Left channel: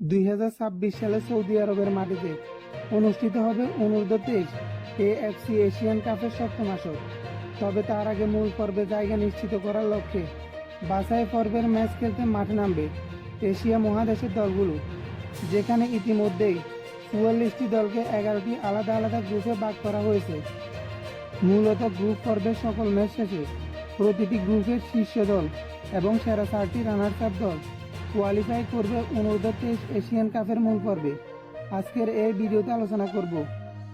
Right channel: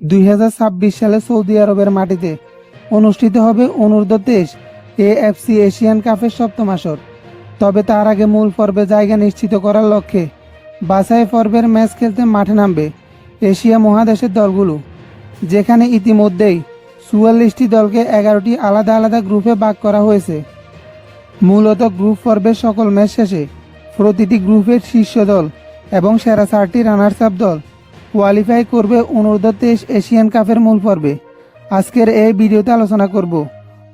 দুই হাজার ছাব্বিশ সালে সৌদি আরবের মাটিতে অনুষ্ঠিত হবে অনূর্ধ্ব তেইশ এএফসি এশিয়ান কাপের সপ্তম আসর। তবে তার আগে মূল পর্বে জায়গা নিশ্চিত করার লক্ষ্যে বাছাই পর্বের ম্যাচ খেলতে মাঠে নামবে এশিয়া মহাদেশের দলগুলো, যেখানে ইতিমধ্যেই চুয়াল্লিশটি দলকে এগারোটি আলাদা আলাদা গ্রুপে ভাগ করা হয়েছে। মূলত গ্রুপ পর্বের সকল ম্যাচ শেষে প্রতিটি গ্রুপের শীর্ষ দল এবং সেরা চারটি রানার্স আপ দল কোয়ালিফাই করবে অনূর্ধ্ব তেইশ এশিয়ান কাপের মূল পর্বে। আজকের এই ভিডিওতে আলোচনা করব,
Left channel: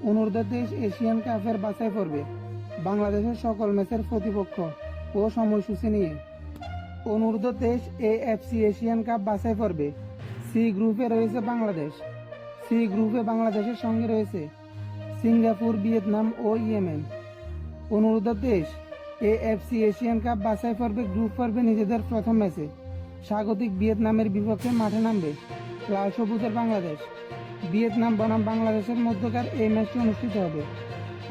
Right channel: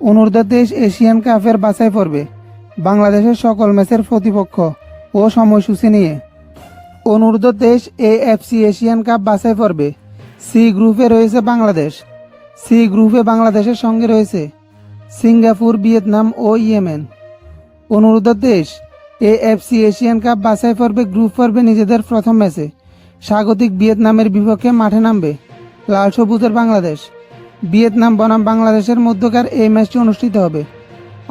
অনূর্ধ্ব তেইশ এশিয়ান কাপের বাছাই পর্বে, বাংলাদেশের সকল ম্যাচের প্রতিপক্ষ ও সময়সূচি নিয়ে। অনূর্ধ্ব তেইশ এএফসি এশিয়ান কাপ বাছাই পর্বে সি গ্রুপে রয়েছে বাংলাদেশ সি গ্রুপে বাংলাদেশের সঙ্গে রয়েছে সিঙ্গাপুর, ভিয়েতনাম ও ইয়েমেন। অনুরোধ দেশ এএফসি এশিয়ান কাপ বাছাই পর্বে গ্রুপ পর্বে নিজেদের প্রথম ম্যাচে স্বাগতিক ভিয়েতনামের বিপক্ষে মাঠে নামবে লাল সবুজের বাংলাদেশ। ভিয়েতনাম বনাম বাংলাদেশের মধ্যকার এই ম্যাচটি অনুষ্ঠিত হবে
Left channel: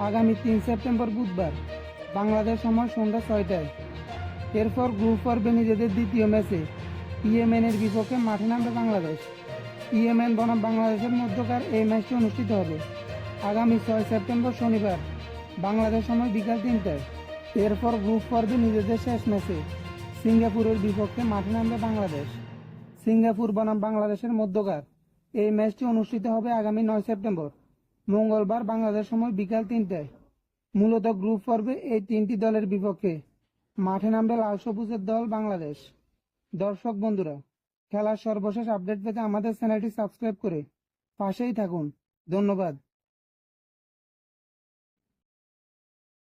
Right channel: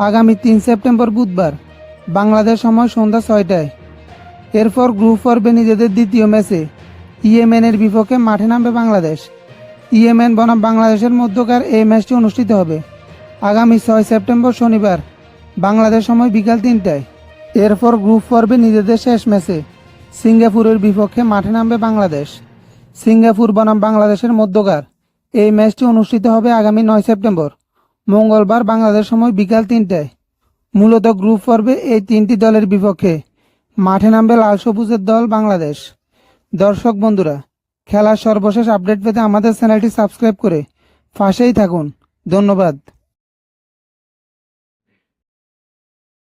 আগামী তিন সেপ্টেম্বর বুধবার, বাংলাদেশ সময় সন্ধ্যা ছয়টায়। এরপর গ্রুপ পর্বে নিজেদের দ্বিতীয় ম্যাচে ইয়েমেনের বিপক্ষে মাঠে নামবে বাংলাদেশ। ইয়েমেন বনাম বাংলাদেশের মধ্যকার এই ম্যাচটি অনুষ্ঠিত হবে আগামী ছয় সেপ্টেম্বর শনিবার, বাংলাদেশ সময় বিকাল তিনটায়। এরপর গ্রুপ পর্বে নিজেদের শেষ ম্যাচে সিঙ্গাপুরের বিপক্ষে মাঠে নামবে বাংলাদেশ। সিঙ্গাপুর বনাম বাংলাদেশের মধ্যকার। এই ম্যাচটি অনুষ্ঠিত হবে আগামী নয় সেপ্টেম্বর। মঙ্গলবার বাংলাদেশ সময় বিকাল তিনটায়। মূলত গ্রুপ পর্বে এই তিনটি দলের বিপক্ষে মাঠে নামবে লাল সবুজের দল বাংলাদেশ। দর্শক বন্ধুরা, খেলার সর্বশেষ আপডেট পেতে আমাদের চ্যানেলটি সাবস্ক্রাইব করে পাশেই থাকুন। ধন্যবাদ।